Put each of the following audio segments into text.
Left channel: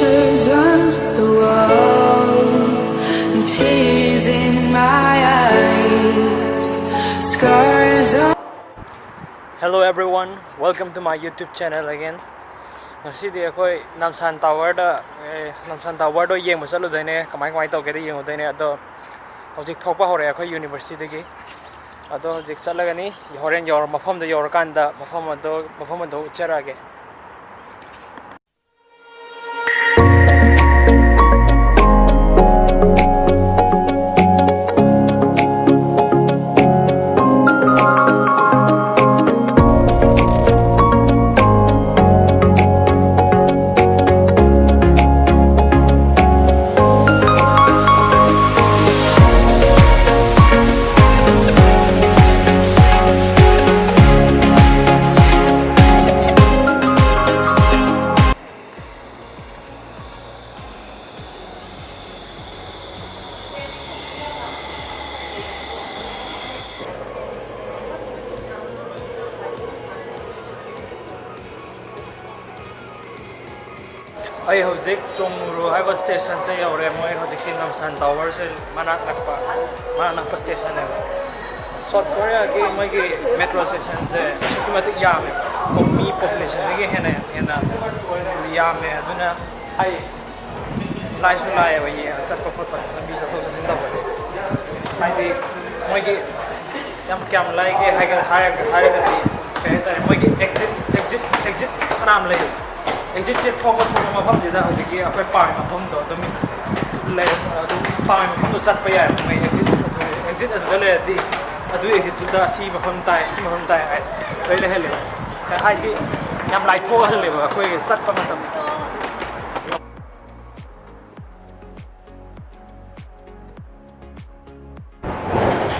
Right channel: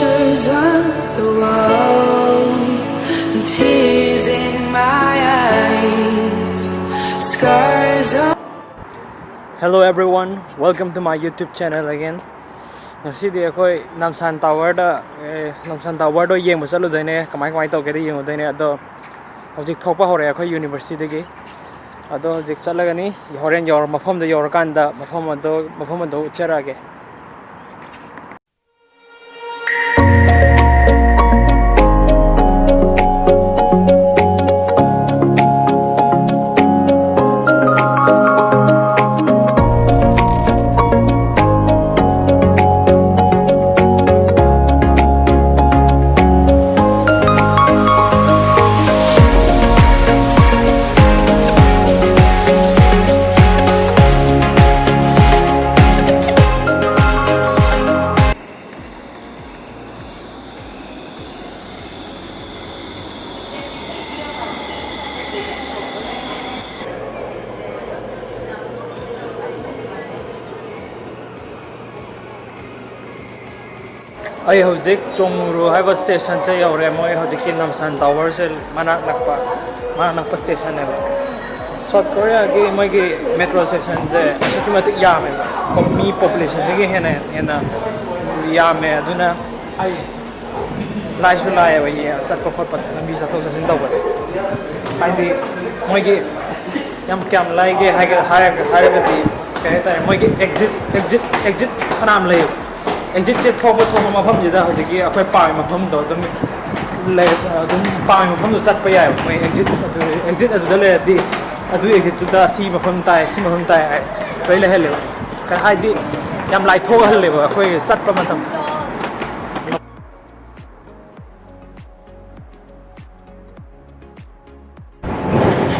pictures of the world and tears in my eyes, scars on. Hello everyone, welcome to my YouTube channel again. Ngasi akoi Namsan Tower do yeng ba chalu daine kamai tau ke yeng daine ado hojik thokpa hore akoi university dagi ado hojik chalagani horen yor mafam da yor kanda mafam ado charage. I hojik chongru haiba station se yaure moi hojik ki Namsan Tower se manak nakpa station ne South Korea ge moi ge metro station je asaki matik yame mi population ge hena yame aduna ai lai su lai wa ye sat ko khot lambi sa thok sin taw ba ai di moi ge yam lai ge hai ga ti kai ta moi ge exit khanam lai exit che thokba mafam jida hojiki akoi pai mafam do dum le dum pai mafam do chat pa yai mai exit adu le di adu exit tu da si mafam tai ai kai le hele kai hai di yam lai tho hal le ba akoi chat pa matam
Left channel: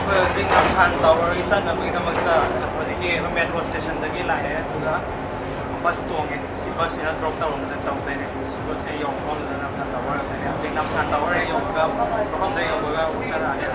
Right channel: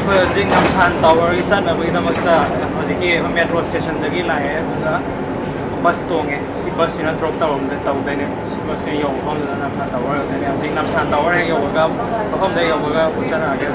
koi hojik Namsan Tower gi chan na gi da makta hojiki metro station dagi lai adu bus tonge si bus ina drop ta rom ta dai ne si bus e yo phom da Namsan Tower ta ne hojik Namsan Tower e yo ga phom da yo ga uchana age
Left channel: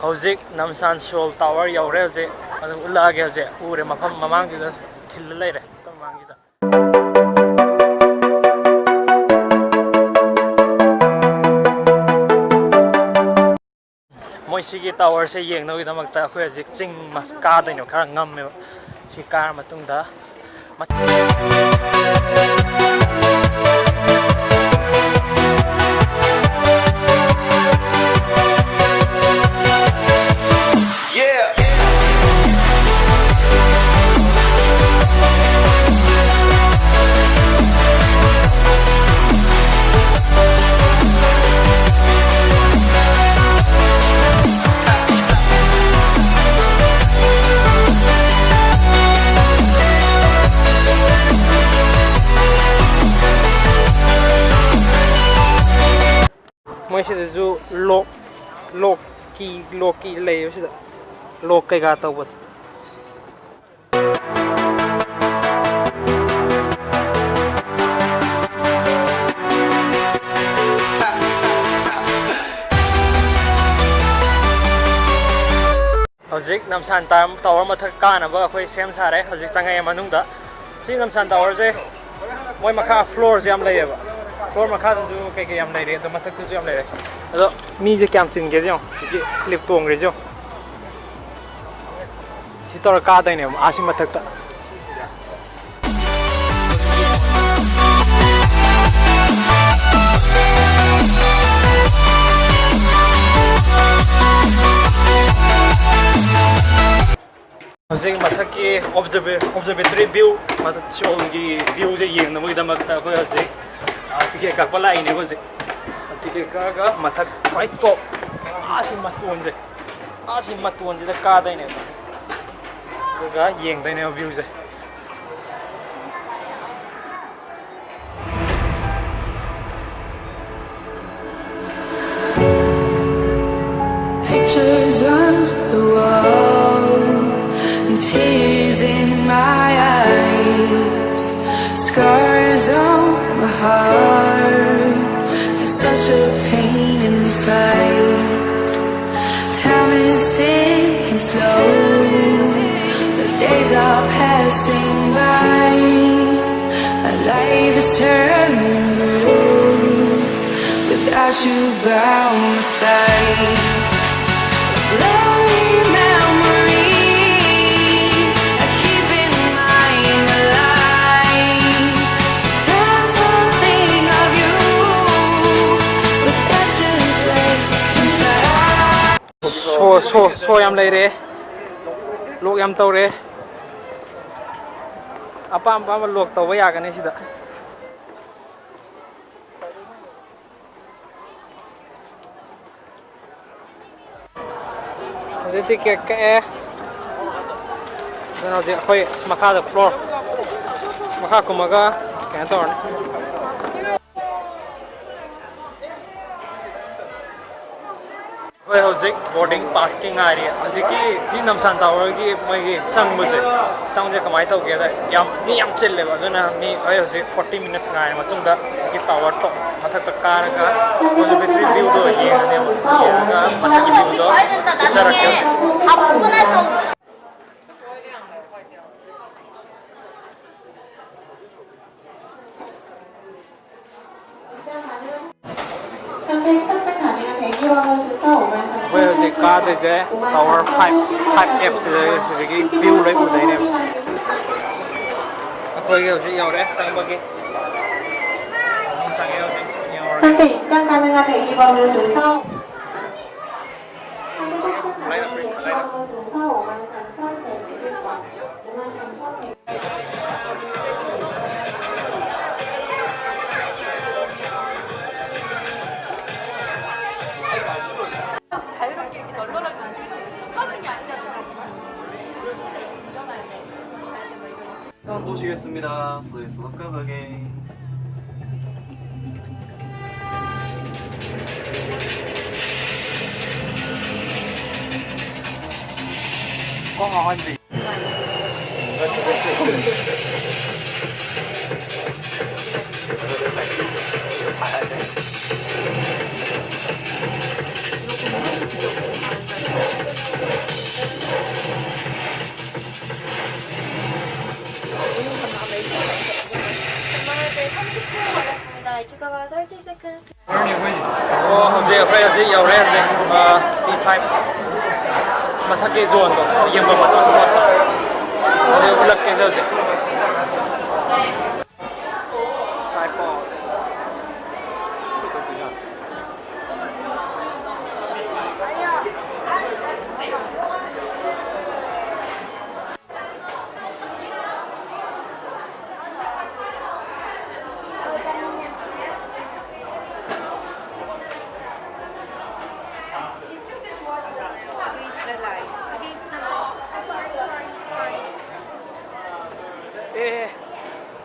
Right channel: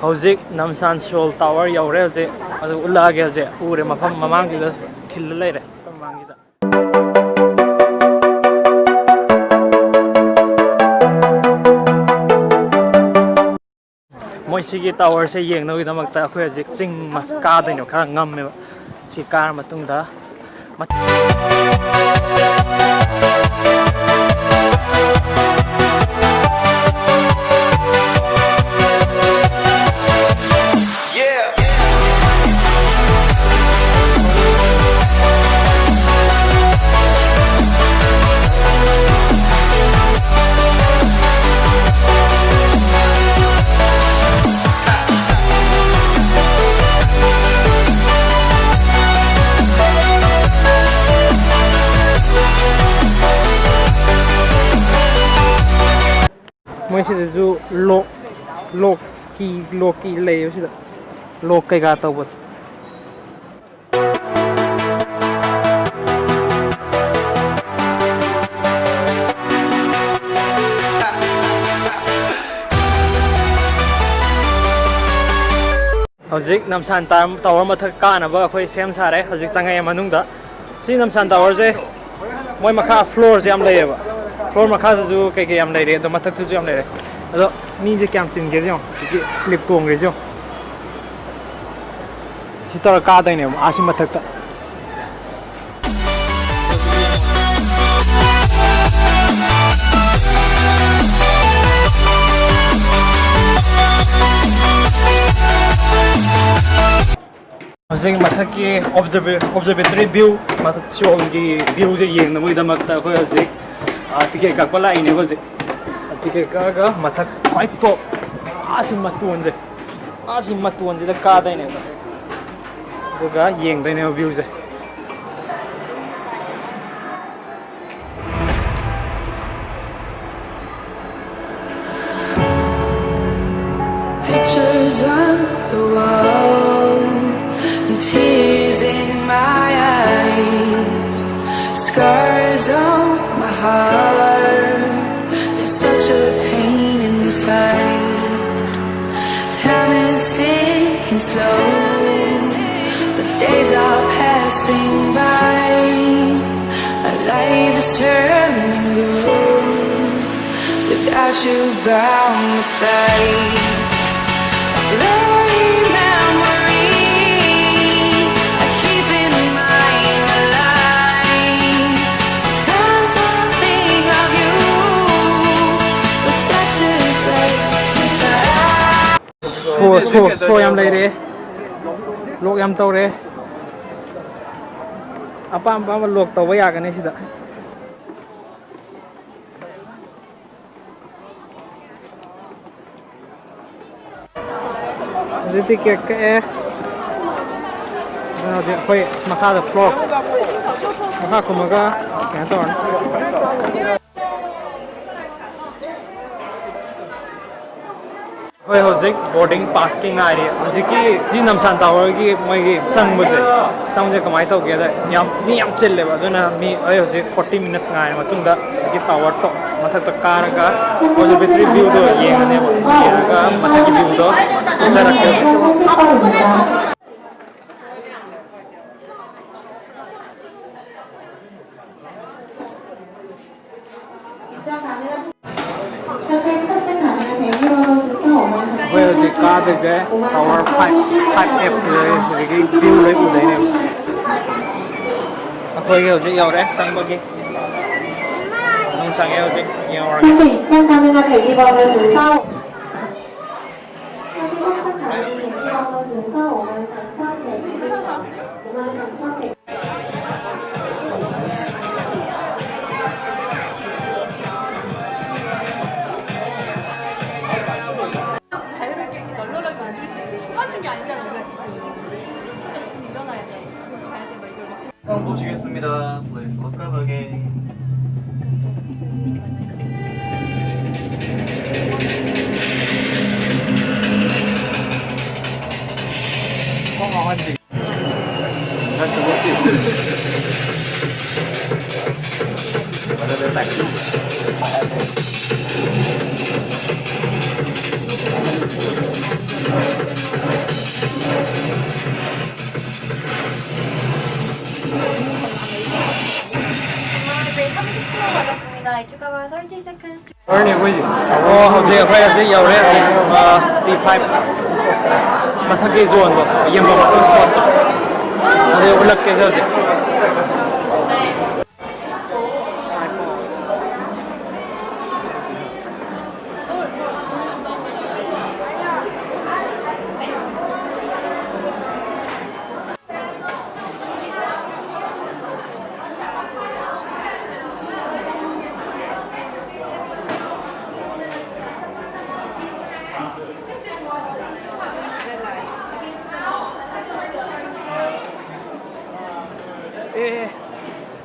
hojik Namsan Seoul Tower yaure je adu ulage je ure mafam mamang ju da khil leire mamang ji da moi sigi tower se yeng no gi damak ta khoi hojik ching mas ka daino khara ngam me si kar matung da moi si ju loki lei si da lok kai ga taw bat hojik Namsan Tower mathak ka na ba khoi sem sare hojik changai manung da si Namsan Tower je moi makha floor jam lei ba floor makha ju kai yam lei re to mathak tu jam lei re ado mi je kyam ting ge jong ki clip tong re jo si tor ka dai ne asi mathak ta hojik mathak ki observatory view mathak Seoul gi view je yeng na moi da mak ta khoi hojik ticket ka pala ine hojik ticket ka mathak khoi to asi matun je da ka dai ne ga yeng dai ne view je pictures on the wall, and tears in my eyes, scars on my heart. There's such a pain inside. Time is ticking slow, the days are passing by. Our life is turning blue without you by my side. A blurry memory I keep in mind alive. Sometimes I think of you, but that's just wasting time. So yam lay re, lok yam tau re. Apa lok tau ba yagani sida. Jadi kayak dan ada koi maka the floor maka kumaga kantor koi hojik boarding pass ki ngari hojiki ji Namsan Tower ki mai sang je kamai tau ge da yam chille ba jona mi ai hojik 40 minutes ngai matung da hojiki tower to mathak ta karaga hoje betri view do yengane ga mathak ki view do ucha rakhe bây giờ chỉ có tới cái tower 5F rồi cái view lấy của đấy này khơi cái gì yêu đấy sang bên kia nông sang yêu gì yêu rồi 보시겠습니다. Please look up again. có ngon gì rất là dễ hꯧꯖꯤꯛ ꯑꯩꯈꯣꯏ ꯍꯧꯖꯤꯛ ꯌꯧꯔꯦ ꯍꯧꯖꯤꯛ T5 ꯃꯊꯛꯀꯤ ꯖꯣꯟꯗꯣ ꯌꯦꯡꯕ ꯃꯇꯝ ꯁ꯭ꯄꯣꯠꯇꯣ ꯑꯗꯨ ꯎꯠꯂꯛꯀꯦꯁꯦ ꯍꯧꯖꯤꯛ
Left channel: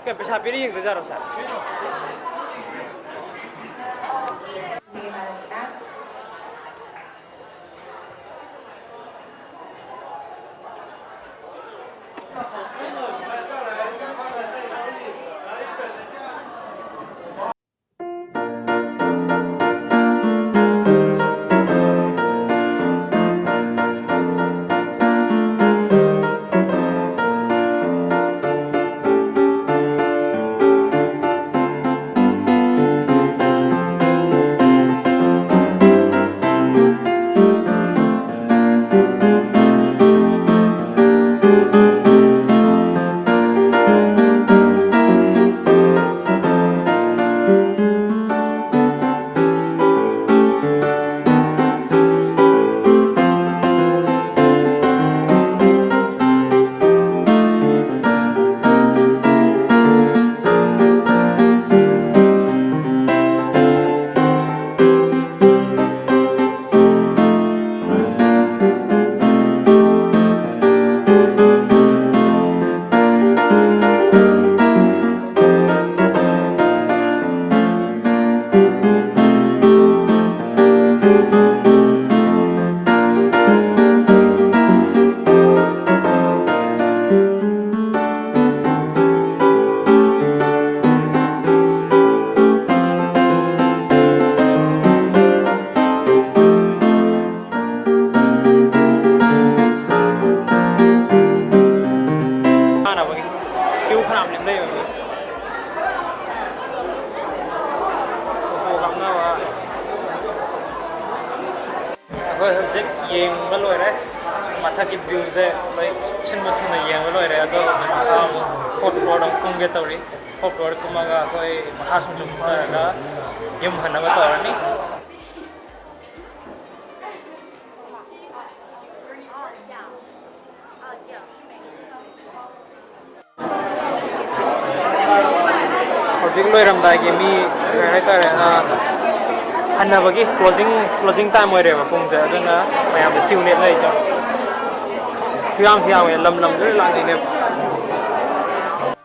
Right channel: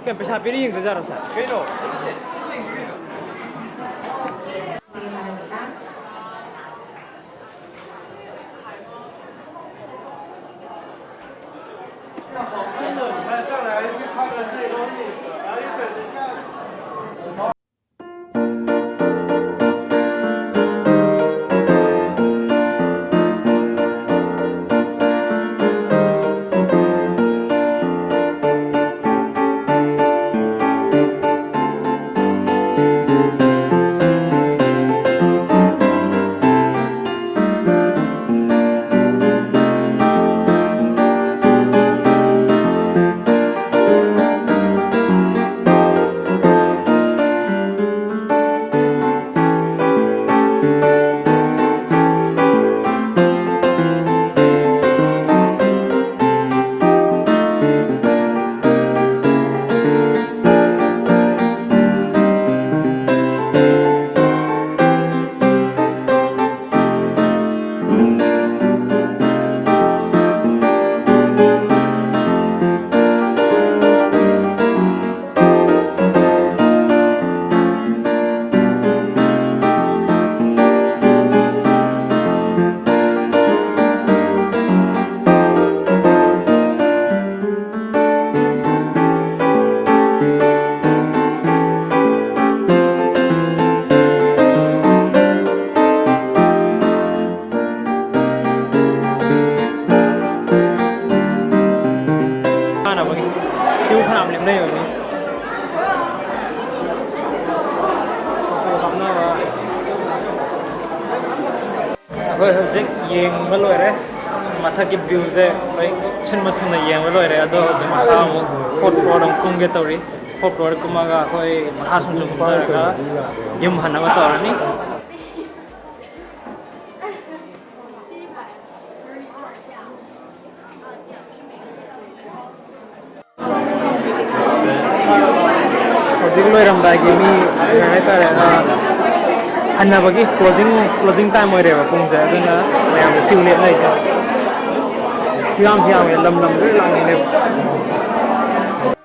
Kaya pa sabi rin yung dajaro sa. ขนาดเล่มได้แบบนี้โอ้โหคำน่าว่าเฮ้ยเจ๊ยิงมาเลยเลยมาทักกิบวิวเจ๊ไปฉันมาถึงในยิงมาเลยเลยอะตัวเจ๊มาข้ามโคตรโปรดองกุ้งเกตตัวนี้โคตรโปรดกุ้งมาก็ค่อยมาหาสมจุ่มตัวแล้วก็ยิ้มหันมาตัวนี้ Hojik loi ram dai gi mi ngai ta re hanna bagi closing time moi re ba pung ja aduna mayam de tiu le nai ja pyam pyam e lam lam re lang ni ne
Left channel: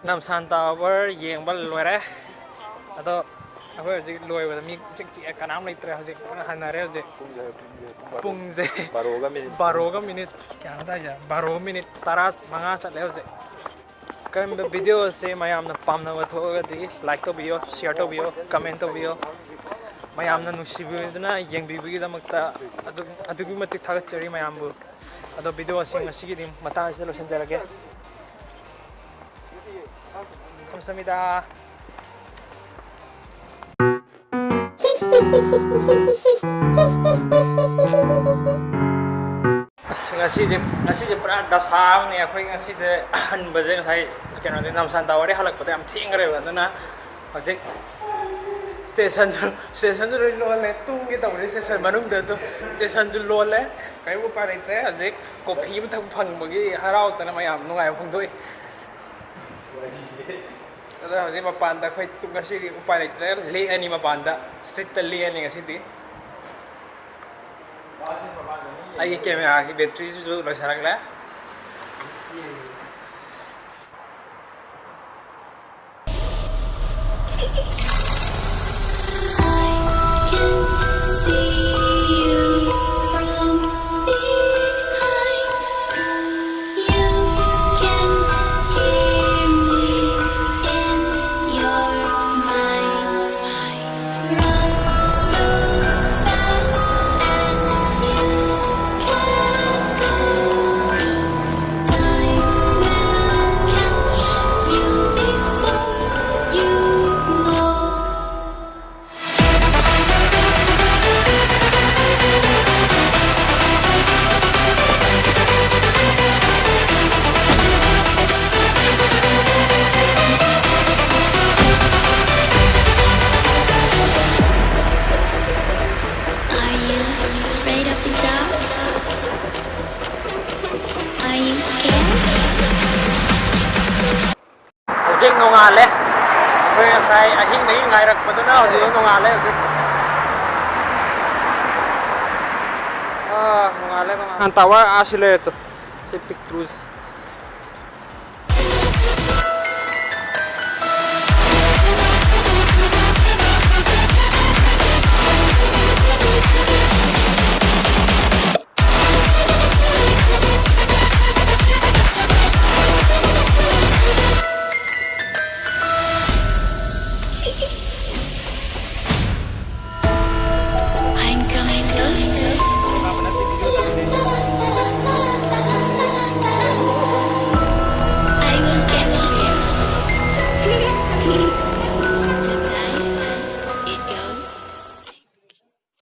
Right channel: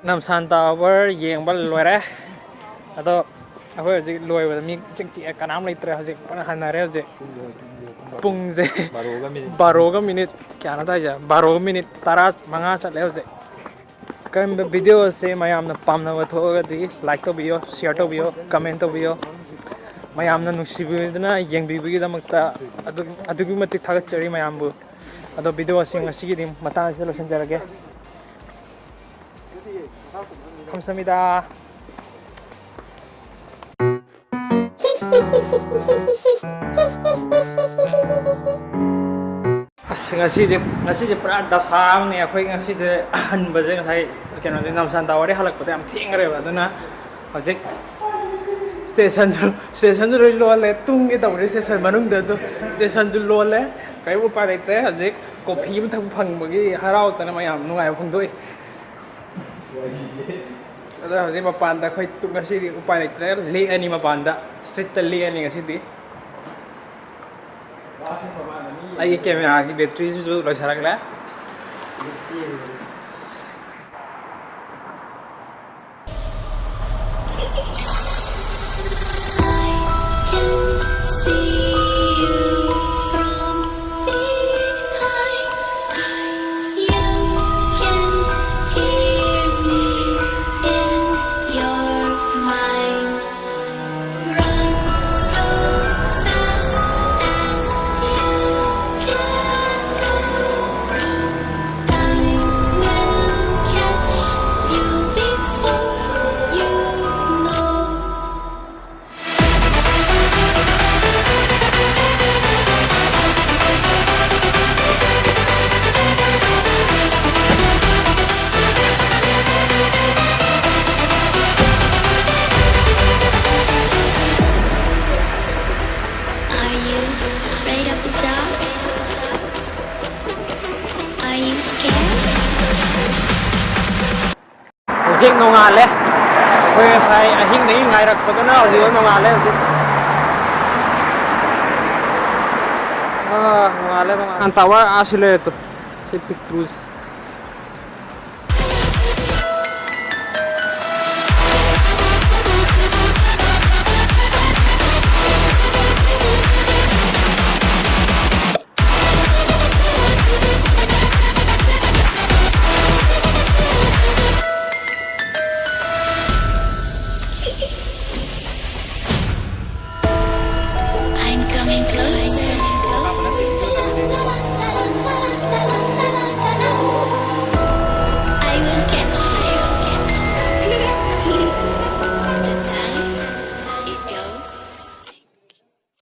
Namsan Tower yeng ba loi re ado aho hojik loi ba mi chik chik kanam lai tre hojik pa hanna re je pung je 12 minute kya na ta ja 12 minute taras manga chat le hojik kan video se mayam na pam na watho ga di like to video share to video comment to video mayam na nusibu na yeng bi bi da makta adu gi matik thagat chari mayam bu ado video sing asi gi dim mata se lo sen jarage 감사합니다 ngasi je pra dasam ne akhoi ngasi je han baje ngai keno de Namsan Tower de halak pate am thing re ba duna object station ju lo le tung ge taw re station manung de do station ju lo le kai bu pa dai tre object coffee ma thang phang ba gi harau ta na mayam nungai phang doi ada hojik ma pan da khoi tung ngasi di upai dai tre le ani ma pan da street ta le ani ngasi di I camera की battery जो लग सकला hojik nongale akhoi sai ahing nei ngai rak patana hojik nongale hojik nongale Namsan Tower asile to se pictures